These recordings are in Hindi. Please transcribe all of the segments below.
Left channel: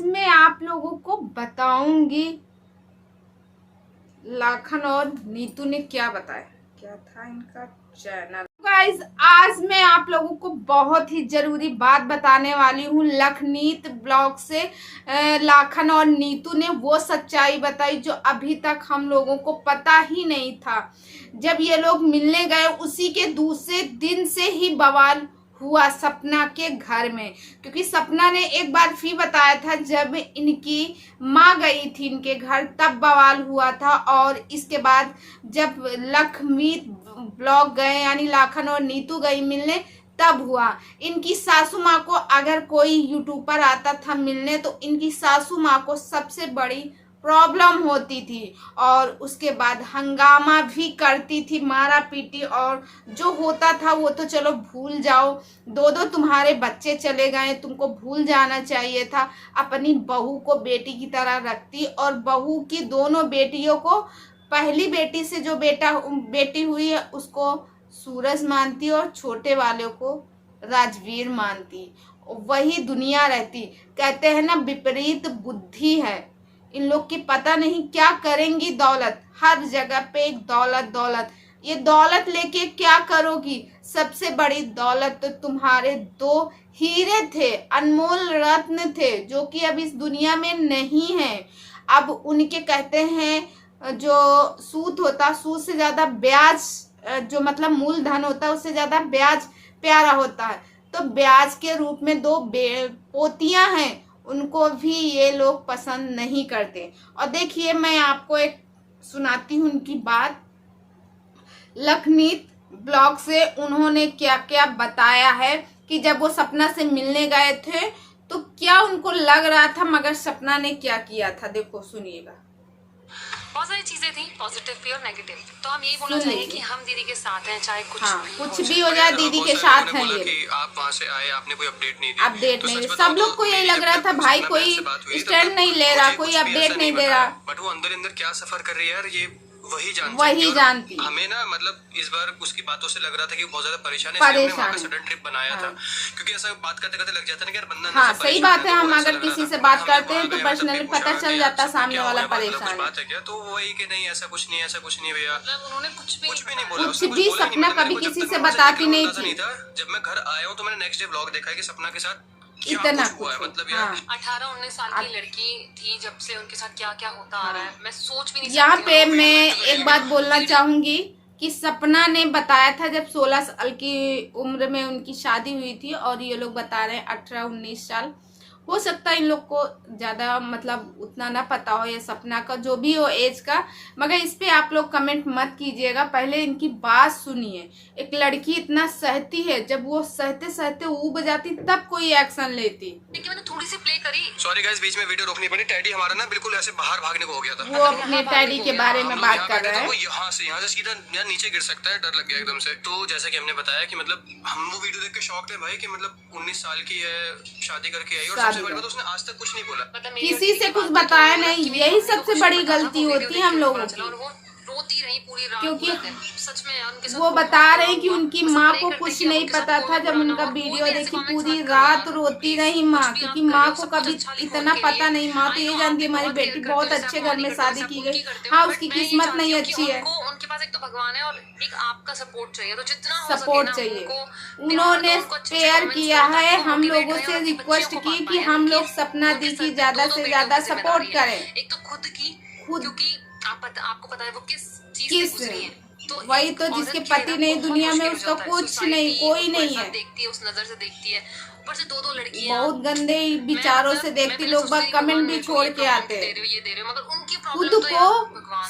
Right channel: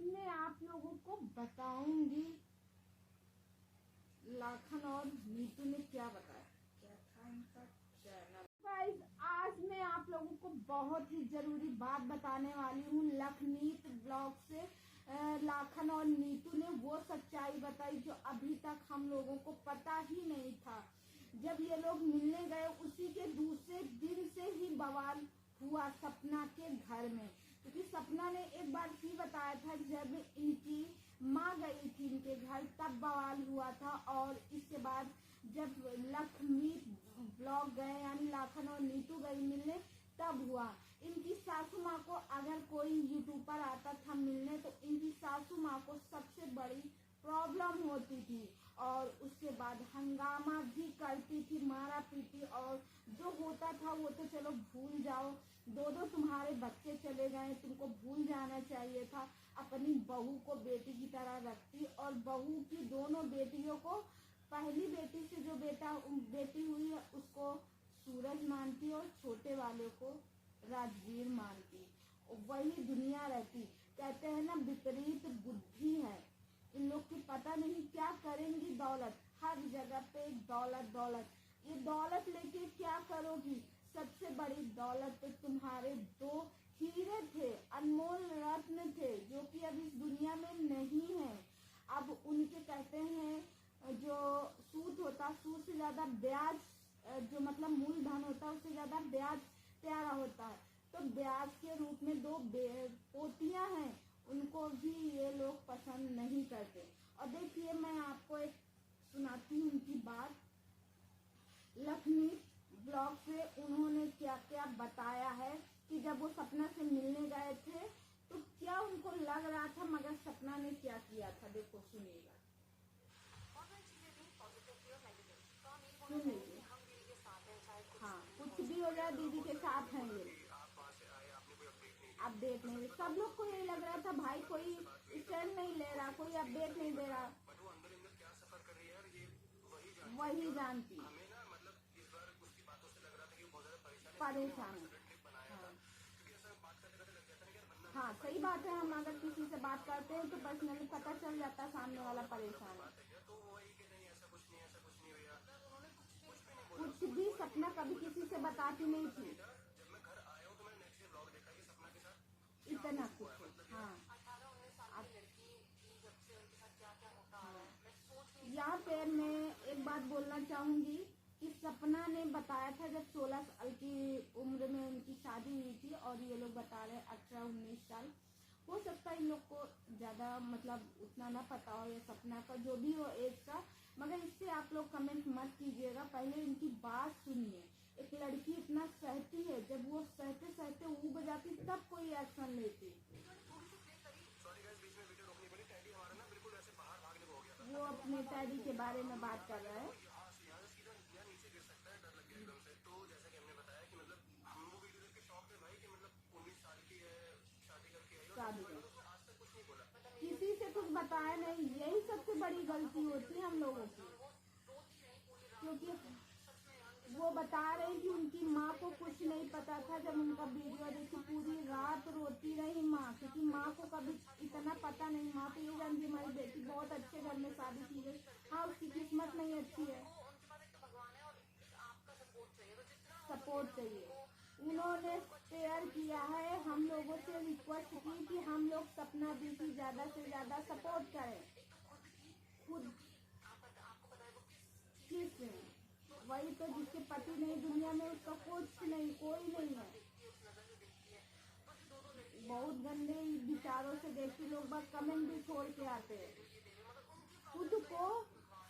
आज मैं आप लोगों को बताऊंगी लाखन और नीतू ने क्या बताया, क्या था इनका चैनल। गाइस, आज मैं आप लोगों को बहुत ही जरूरी बात बताने वाली हूँ। लखनीत ब्लॉग से लाखन और नीतू ने वो सच्चाई बताई जो अभी तक हम लोगों को पता ही नहीं था। जब ये लोग मिलने गए उसी के दूसरे दिन से ही बवाल हुआ सपना के घर में, क्योंकि सपना ने एक बार फिर बताया था जब इनकी माँ गई थी इनके घर तब बवाल हुआ था। और इसके बाद जब लखमीत ब्लॉग गए यानी लाखन और नीतू गई मिलने तब हुआ। इनकी सासू माँ को अगर कोई यूट्यूबर आता था मिलने तो इनकी सासू माँ को सबसे बड़ी प्रॉब्लम होती थी और उसके बाद हंगामा भी करती थी, मारा पीटी। और जो होता था वो तो चलो भूल जाओ, दो दो तुम्हारे बच्चे चले गए, तुमको भूल जाना चाहिए था। अपनी बहू को बेटी की तरह रखती और बहू की दोनों बेटियों को, पहली बेटी से जो बेटी हुई है उसको सूरज मानती और छोटे वाले को राजवीर मानती। वही दुनिया रहती। कहते हैं ना, विपरीत बुद्धि है इन लोग की। पता नहीं क्या करेंगी। दौलत हर जगह पे एक दौलत दौलत। ये दौलत लेके क्या करोगी? सबसे बड़ी दौलत तो तुम्हारे दो हीरे थे, अनमोल रत्न थे, जो कि अब इस दुनिया में नहीं है। अब उनके कहते हैं जो सूद होता, सूद से ज्यादा ब्याज, जो मतलब मूलधन होता है उससे ज्यादा ब्याज प्यारा होता है। तो ब्याज के रूप में दो पोतियां हैं, उनको भी ये लोग पसंद नहीं करते। और देखिए मैं आपको एक सुनाती हूँ उनकी बात। लखनीत ब्लॉग से उन्होंने क्या क्या बताया है कि जब वो सपना से मिलने गए थे तो क्या उनको लग रहा था, मगर सपना ने क्या किया था। देखो सुनिएगा। बहुत सारी चीजें थी, पॉजिटिव भी और नेगेटिव। तो हम यही बोलना चाहेंगे कि हम दीदी के साथ हैं, चाहे कुछ भी हो जाए दीदी के साथ हैं। ये कि आप वहां से आए, आपने कोई अपडेट नहीं दी। अपडेट नहीं, सब लोग को यही लग रहा था भाई कोई स्टैंड नहीं ले रहा, कोई अपडेट नहीं दे रहा। बट वो अंदर अंदर क्या सफर कर रही है यार, ये वही जानती। हमें ना मतलब इस बार उसकी बातों से लग रहा था कि वो बहुत ज्यादा परेशान है, इसलिए हमने वहां पे सडन ट्रिप बनाया था। क्योंकि ऐसा बात करते करते लग जाता है ना कि यार बंदा हाँ सही बात है। हम अगर किसी से बात करते हैं तो पर्सनली पता चल जाता सामने वाला परेशान बात है क्या, तो वही कि नहीं ऐसा कुछ नहीं, ऐसा कुछ नहीं भैया। उन्होंने कुछ भी नहीं बोला, कुछ भी। सपना कभी किसी से बताती नहीं थी। जब मैं घर आया हूँ तो मैंने नेक्स्ट डे व्लॉग देखा कि सपना के साथ इतना हुआ है। मतलब यार 18-19 साल की लड़की थी, जब से उनके साथ क्या क्या होता आ रहा है मैं सोच भी नहीं सकती। यहाँ पे मैं एक बात बोलना चाहूंगी कि सपना ने बताया था जब 16 साल की उम्र में उनकी शादी हुई थी और ये लोग बता रहे हैं 18-19 साल। हो सकता है इन लोग को ज्यादा मतलब उतना ना पता हो ये सपना का, जो भी हो एज का। मगर इस पे आप लोग कमेंट मत कीजिएगा, पहले इनकी बात सुनिए। एक लड़की इतना सहती है, जब वो सहते सहते ऊब जाती तब कोई एक्शन लेती। लेकिन मैंने थोड़ी सी प्ले करी। सॉरी गाइस, बीच में वीडियो रोकनी पड़ी। टैडी हमारा ना बिल्कुल ऐसे बाहर भागने को हो गया था। वो अपने टैडी के बारे में बात कर रहे हैं। वो यहाँ से सीधा नीचे गिर सकता है, डर लग गया एकदम से। तो जैसा कि हमने बताया कि मतलब हम वो वीडियो देख के शॉक थे भाई कि मतलब 19 साल की है, शादी करके आई, और सबसे बड़ी बात उसने आज तक कुछ नहीं बोला, किसी से कुछ बताया नहीं। यही सबसे बड़ी गलती होती है हम लोगों की। रोती रही पूरी रात, क्योंकि सच में वो बता रहे हैं कि उनकी माँ को कुछ नहीं पता था। जब उनका वीडियो देखी पूरी रात रोती रही माँ, क्योंकि माँ को कभी इतना पता नहीं। माँ तो ये जानती है हमारी बेटी बहुत अच्छे घर में शादी की गई। हाँ उसकी किस्मत नहीं अच्छी है, उनके पास एक तो भगवान है और एक आपका सपोर्ट चाहिए। तो जितना सपोर्ट चाहिए। उन्होंने शेयर किया है, हम लोगों से रिक्वेस्ट की कि हम लोग सपना दी की ज्यादा से ज्यादा सपोर्ट करें। एक तो खुद क्योंकि आपको पता है वो किस चीज से गुजरी है। तो वही तो, जिसके पति नहीं दुनिया में उसका कुछ नहीं, कोई नहीं है। देखती है उस नजर से, देखती है ऊपर से दो लड़कियां बहुत गंदे विचारों से देखती। लोग बाग कमेंट भी छोड़ के आते हैं। मगर उनकी खुद को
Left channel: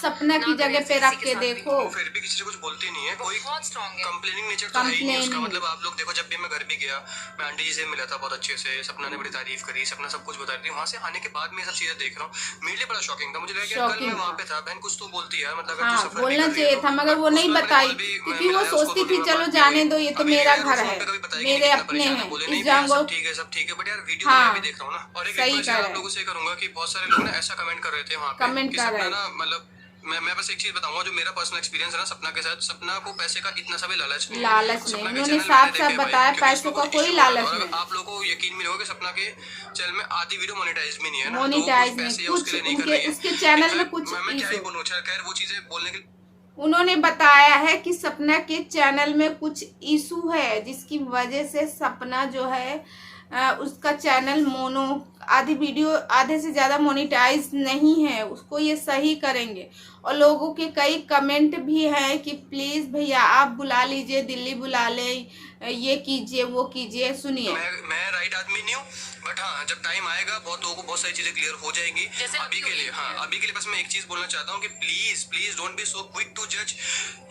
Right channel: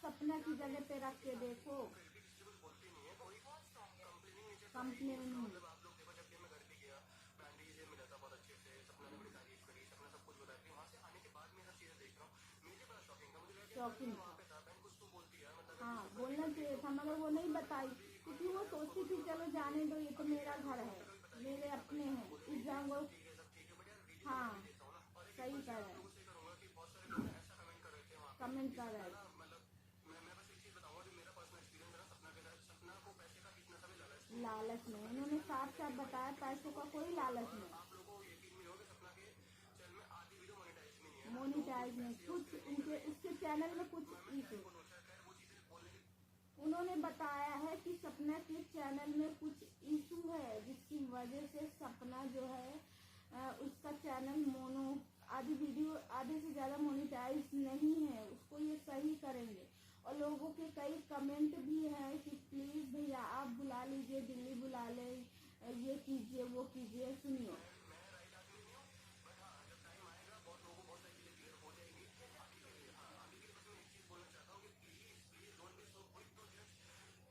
सपना की जगह पे रख के देखो। फिर भी किसी से कुछ बोलती नहीं है, कोई बहुत स्ट्रांग है। कंप्लेनिंग नेचर तो है ही नहीं उसका। मतलब आप लोग देखो, जब भी मैं घर भी गया, मैं आंटी जी से मिला था बहुत अच्छे से, सपना ने बड़ी तारीफ करी, सपना सब कुछ बता रही थी। वहां से आने के बाद मैं सब चीजें देख रहा हूँ, मेरे लिए बड़ा शॉकिंग था। मुझे लगा कि कल मैं वहां पे था, बहन कुछ तो बोलती है, मतलब बोलना चाहिए था, मगर वो नहीं बताई क्योंकि वो सोचती थी चलो जाने दो, ये तो मेरा घर है, मेरे अपने हैं, इस जांगो। ठीक है सब ठीक है, बट यार वीडियो मैं भी देख रहा हूँ ना। और एक सही आप लोगों से करूंगा कि बहुत सारे लोग ना ऐसा कमेंट कर रहे थे वहां पे, कमेंट कर रहे हैं ना मतलब मैं बस एक चीज बताऊंगा, जो मेरा पर्सनल एक्सपीरियंस है ना सपना के साथ, सपना को पैसे का इतना सा भी लालच नहीं है। सपना के उन्होंने चैनल साफ मैंने साफ देखे भाई, बताया क्योंकि पैसों उसमें का कुछ कोई issue लालच और नहीं। आप लोगों को यकीन भी नहीं होगा कि सपना के चैनल में आधी वीडियो मोनेटाइज भी नहीं है ना, तो वो मोनिटाइज कुछ नहीं, पैसे कुछ उसके लिए नहीं कर उनके रही है। उसके चैनल में कुछ मैं क्या ही इशू। बोलूं, खैर वो चीजें बोलने के उन्होंने बताया है कि सपना के चैनल में कुछ इशू है, जिसकी वजह से सपना जो है उसका चैनल मोनो आधी वीडियो आधे से ज़्यादा मोनेटाइज नहीं है, उसको ये सही करेंगे। और लोगों के कई कमेंट भी हैं कि प्लीज़ भैया आप बुला लीजिए, दिल्ली बुला ले, ये कीजिए वो कीजिए। सुनिए, मैं राइट आदमी नहीं हूँ, बट हाँ जब टाइम आएगा बहुत लोगों को बहुत सारी चीजें क्लियर हो जाएंगी। अभी के लिए अभी के लिए बस मैं एक चीज बोलना चाहता हूँ कि please please don't be so quick to जज।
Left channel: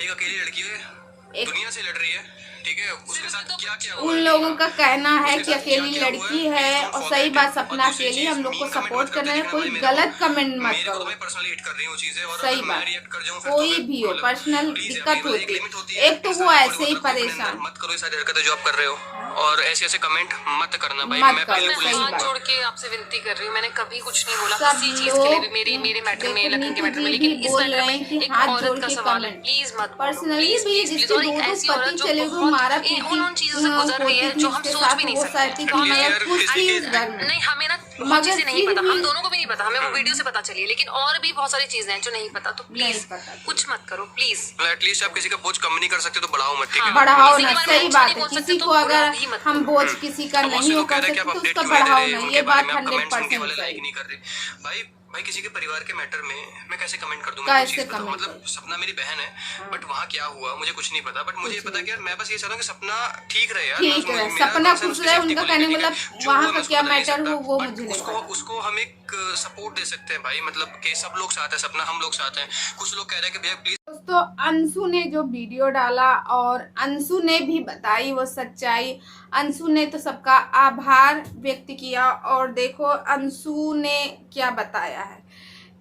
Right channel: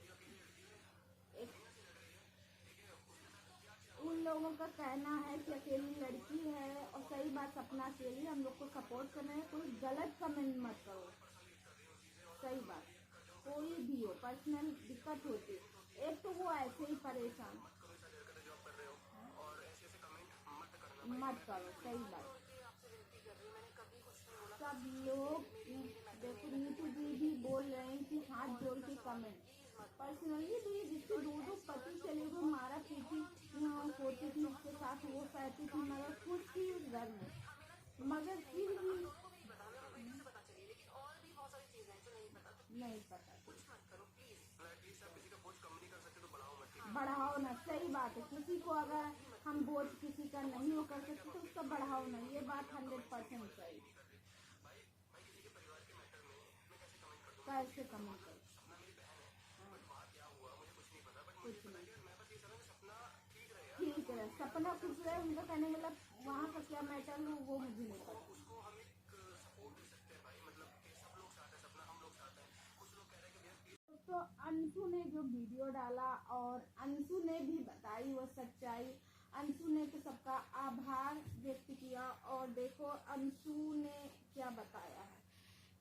एक अकेली लड़की है, दुनिया से लड़ रही है, ठीक है, उसके साथ क्या क्या हुआ उन है, लोगों का कहना है उसके कि साथ अकेली क्या-क्या हुआ लड़की है, है, please और don't सही forget बात it। सपना और दूसरी अकेली, चीज, हम लोग को mean comment सपोर्ट मत करना है, करते कोई देखना भाई, गलत कमेंट मत मेरे को करो। तो मैं पर्सनली हिट कर रही हूँ चीजें, और सही अगर मैं बात, रिएक्ट कर जाऊँ फिर कोई तो भी हो, मतलब पर्सनल प्लीज दिक्कत एक होती लिमिट होती है, है। एक तो प्लीज वो थोड़ी ऐसे ही बहुत रखो अपने अंदर, परेशान मत करो ये सारी हरकतें जो आप कर रहे हो, और ऐसे ऐसे कमेंट मत करना भाई। मत मैं करो, बिल्कुल सही हाथ बात। जोड़ के आपसे विनती कर रही हूँ, मैंने कभी कुछ नहीं बोला सब किसी चीज के लिए भी, लोग मेरे मैटर में, देखो, लखन के नीतू मैटर में, जी लेकिन भी इस बोल मैटर रहे में हैं कि एक हाथ जोड़ औरत का के सवाल है, कमेंट। प्लीज मत बोलो, पर्सनली प्लीज भी प्लीज प्लीज। जिसके और एक दो ऐसी पति औरत जो चले गए, बहुत मारा उन चीजों से गुजर रही है होती थी जो हम उसके सोच साथ, भी नहीं वो सकते। सहती तो थी, हमें मगर खुश थी उस घर में। नहीं, हमें ना बहुत मगर चीजें नहीं फिर पता, भी हम दोनों को भी नहीं पता, हमें वो वीडियो से पता चली है, लेकिन और भी बहुत सारी चीजें हैं जो नहीं पता। तो नहीं प्लीज पता थी। कुछ मत करो प्लीज। एटलीस्ट आप किसी का बोझ कम नहीं कर सकते तो बढ़ाओ मत, ठीक है। बढ़ाओ किसी ना, के बारे में सही अच्छा बात नहीं है। बोल सकते किसी तो को अगर बुरा भी मत हम करो। बोझ किसी का बहुत से नहीं हो लोग कह कर रहे हैं कि सकते आप तो अपडेट उसका क्यों नहीं दे बढ़ाओ रहे, ना, उनके ये बारे बात में आप कमेंट्स उनके 100% वाले लाइक सही। नहीं कर रहे। भाई किसी के परिवार के मैटर में मैं कैसे कमेंट कर दूं? मैं कैसे कोई चीज बताऊं, comment मतलब करूं? सपना मेरी बहन है, बट वहाँ क्या हुआ मुझे कुछ नहीं पता, बट मुझे ये पता कि यार मैं बस ये चाहता हूँ कि सपना ठीक रहे यार। ठीक है, मेरा सपना concern खुश उसकी रहे, safety उनका को कहने लेकर, मतलब ठीक है। जो वहाँ हुआ का मैं उसको क्या बदल नहीं मैटर सकता, हो वो but मुझे नहीं पता। उसको हम एक सपोर्ट दे सकते हैं भाई, मतलब कि सब लोग साथ हैं, सपना हम लोग साथ हैं। कुछ लोग कह रहे हैं कि भैया प्लीज। दोस्तों, अंशु ने जो वीडियो डाला और अंशु ने भी बताई वो सच्चाई, अंशु ने तो सबका आभार व्यक्त किया। और देखो अंशु ने क्या बताया है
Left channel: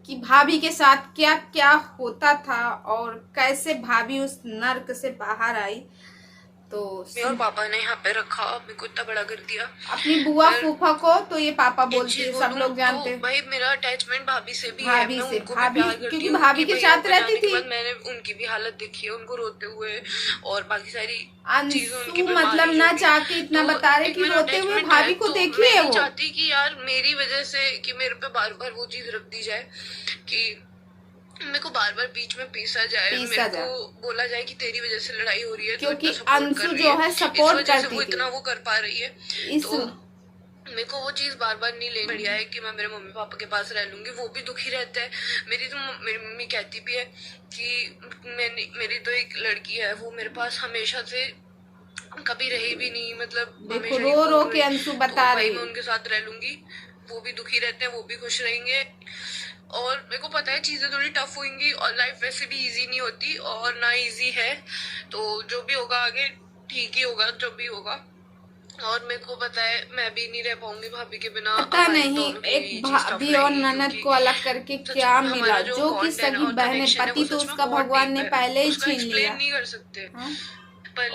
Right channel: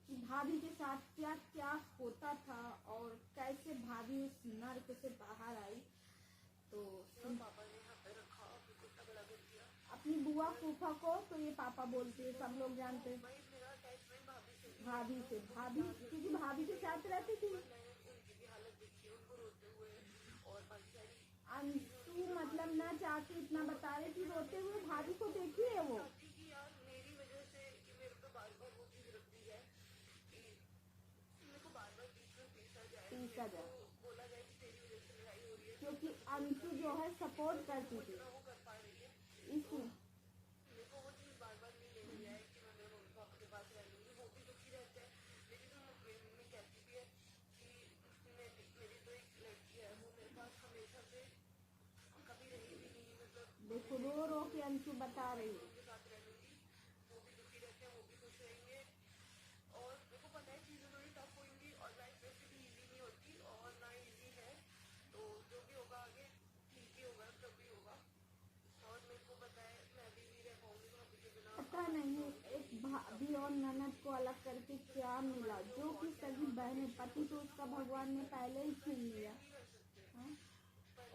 कि भाभी के साथ क्या क्या होता था और कैसे भाभी उस नर्क से बाहर आई। तो और पापा ने यहाँ पे रखा, मेरे को इतना बड़ा कर दिया। अपनी बुआ फूफा को तो ये पापा बोलती है, सब लोग जानते तो हैं। भाई मेरा अटैचमेंट भाभी से भी है, भाभी मैं से, उनको भी भाभी प्यार करती क्योंकि हूँ, भाभी के उनकी साथ भैया रहती जाने के थी। बाद मैंने उनकी भी हालत देखी है, उनको रोते हुए और बाकी सारी चीजें, उनकी अंशु बीमारी मतलब जो ना भी। चाह के इतना तो बता रहे एक कि मेरा रोते हुए attachment भाभी है, को तो देखिए मैं नहीं वो। चाहती कि यार मेरी वजह से कि मेरे पे बार बार वो चीज रख दी जाए कि मेरे को बार बार बीच में पीसा जाए, मेरे को बोला जाए कि तेरी वजह से लड़ाई हो रही है, क्योंकि तो अंशु जो है सपोर्ट करती वो थी, इतना वो कर पा रही है। इस तो मेरे को वो चीज बार बार नहीं लेनी। बढ़िया है कि मैं मेरे मम्मी पापा के पास रह लूंगी, वो भी दुखी रहता है। मेरी मम्मी कहती भी है कि मेरी तो एक लड़की है, वो मेरे पास हमेशा से कभी रही भी नहीं, मतलब देखो रो रो के अंशु बता रही, मैं उनके साथ रह लूंगी, वो भी दुखी रहते हैं, वो भी खुश रहेंगे। और मेरे को पता है चीजें थोड़ी टफ होंगी और लाइफ वैसे भी इजी नहीं होती और ना इजी है, तो जो भी होगा आगे ठीक ही होगा, जो भी होगा। और मेरे को पता है मैं भी नहीं रह पाऊंगी भाभी के बिना। पता नहीं एक भाभी और ननद को अलग करके क्या मिला, जो कि सगी बहन है, पति तो उसका भगवान ने पहले ही छीन लिया। नहीं कर सकते।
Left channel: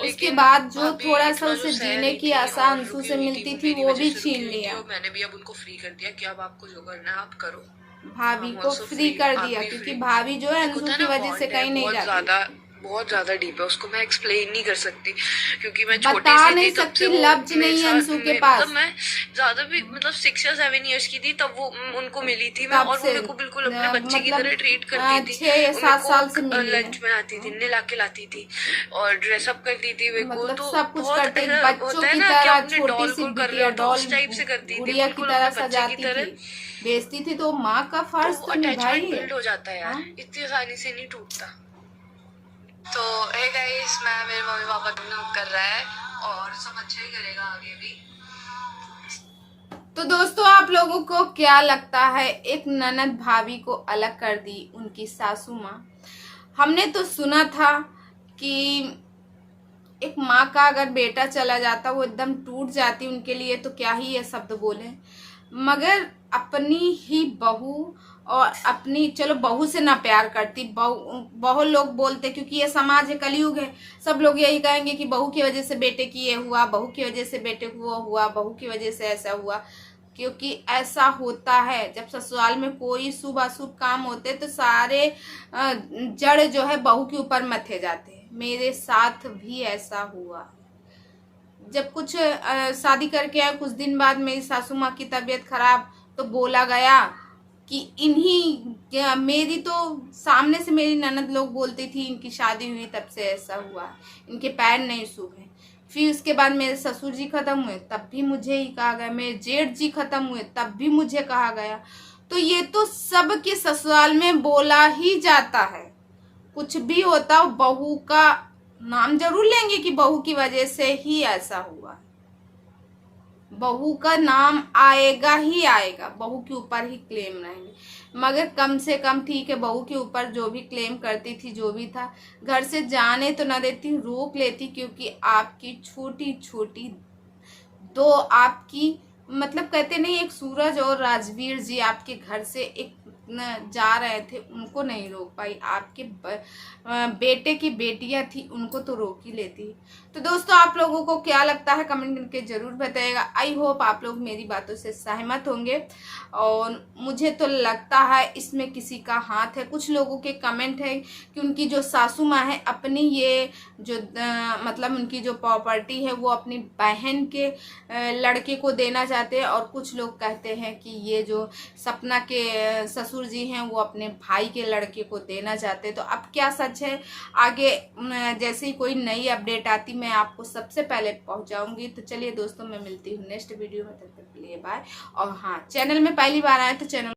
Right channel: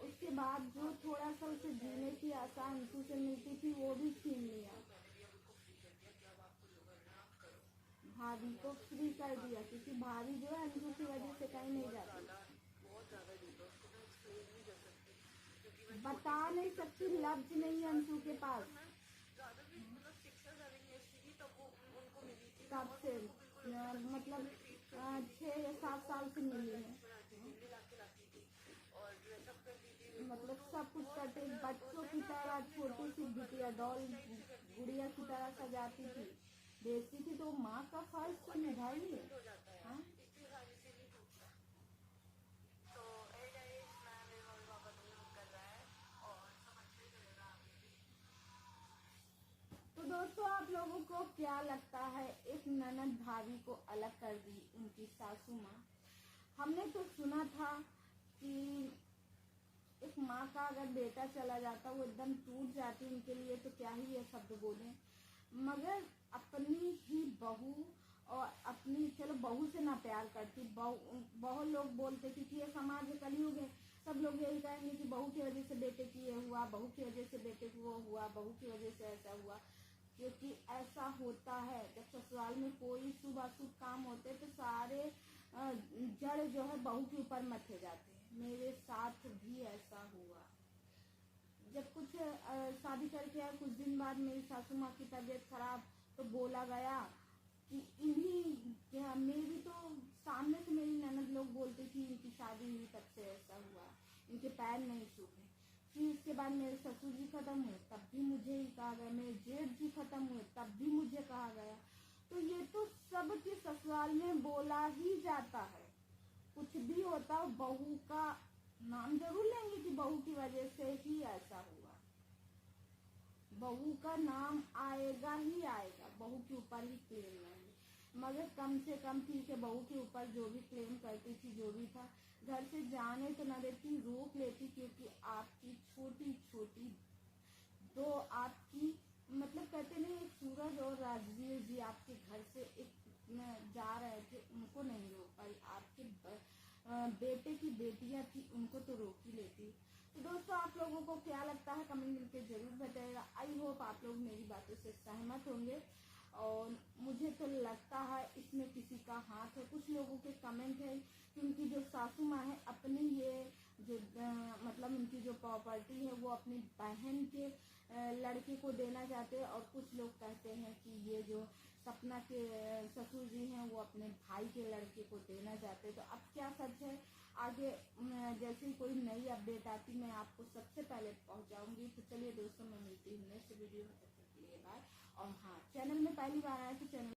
उसके बाद जो थोड़ा सा उसे जीने की आशा अंशु से मिलती थी वो भी छीन लिया। मैंने भी अब उनको फ्री कर दिया कि अब आपको जो करना है आप करो। भाभी को फ्री कर दिया क्योंकि भाभी जो है अंशु की वजह से कहीं नहीं जाती। बहुत ज्यादा डीप है, उसको मैं एक्सप्लेन नहीं कर सकती क्योंकि मैं बता नहीं सकती, लफ्ज नहीं है अंशु के पास। मतलब मैं ज्यादा भी मतलब 6 या 7 इयर्स की थी तब वो उनको मिली थी मैं, और वो मेरे को बिल्कुल अपने बच्चे की तरह ट्रीट करती थी। 6 या 7 साल से मिली है। लंच बनाती थी, नहला के लाती थी और ड्रेसअप करती थी मेरे को, मतलब तो सब कुछ बहुत करती, ऐसा बच्चों होता है की ना कि तरह अपने छोटी डॉल सी को कर रहे बिटिया, हो तो डॉल उस टाइप से करती थी, गुड़िया की बिल्कुल तरह अपने बच्चे की सजाती तरह। थी, बेचती थी, तो माँ का फर्ज तो निभाई अटैचमेंट है। बिल्ड हो जाता है यार, इतनी आसानी से नहीं टूटता। तो हे गाइस, मैं मेरे मम्मी पापा कर रहा है और सब अच्छा ही करेगा आगे भी। तो दोस्तों, आप लोगों को क्या लगता है, एक ननद भाभी को अलग कर दी उनकी सासू माँ। हमने तो सुना था कि एक माँ का अगर बेटा चला जाता वो एकदम टूट जाती उनके लिए, तो क्या ही ये शब्द बोले, मगर अपनी ही बहू और अपनी, चलो बहू से ना प्यार करती, बहुत लोग बोलते क्योंकि ये समाज है, कलयुग है, सब लोग यही कहेंगे कि बहू की वजह से बेटे की ये हुआ, बहू की वजह से बेटे को वो हुआ, बहू की वजह से ऐसा हुआ। क्योंकि ऐसा होता है जब ससुराल में कोई शुभ अशुभ काम होते तो सारे जड़ जो है बहू के ऊपर मथे जाते हैं। मेरे साथ भी ऐसा हुआ। जब कुछ शादी करके आया, कुछ दिन बाद मेरी सासू माँ की तबीयत खराब, तो बोला गया कि इन्हीं, मेरी तो सामने से मेरी ननद लोग बोलती थी इनकी शादी हुई तब से ऐसा हुआ, इनके पैर नहीं शुभ हैं। फिर उसके बाद मेरे ससुर जी खत्म हुए तब भी मुझे ही कहा गया, मेरे जेठ जी खत्म हुए तब भी मुझे कहा गया। तो ये तो सबके ससुराल में बोला ही जाता है। कुछ भी होता हो बहू का नाम जरूर लेंगे कि बहू की वजह से ही ऐसा हुआ। बहू का नाम आएगा ही आएगा, बहू के ऊपर ही क्लेम रहेंगे। मगर कम से कम ठीक है, बहू के ऊपर जो भी क्लेम करती थी, जो भी था, घर से जाने तो न देती, रोक लेती, क्योंकि आपकी छोटी छोटी दो आपकी, मतलब कहते नहीं, एक सूरज और राजवीर जी आपके घर से एक जा रहे थे, उनको नहीं रोक पाई। आपके बेटे की बेटियां थी, उनको तो रोक ही लेती। तो दोस्तों, आप लोगों को क्या लगता है कमेंट करके जरूर बताइएगा। आई होप आप लोग मेरी बातों से सहमत होंगे, और मुझे तो लगता है इसमें किसी का हाथ है। कुछ लोगों के कमेंट है कि उनकी जो सासू माँ है अपनी ये जो मतलब उनकी जो प्रॉपर्टी है वो अपनी बहन के लड़के को देना चाहते हैं, और कुछ लोग कहते हैं कि ये जो सपना के ससुर जी हैं वो अपने भाई के लड़के को देना चाहते हैं। तो अब क्या सच है, आगे जैसे ही कोई नई अपडेट आती मैं आपको सबसे पहले पहुंचाऊंगी। तो चलिए दोस्तों, मैं मिलती हूँ नेक्स्ट वीडियो में, तब तक के लिए बाय। और हाँ, चैनल में पहली बार आए तो चैनल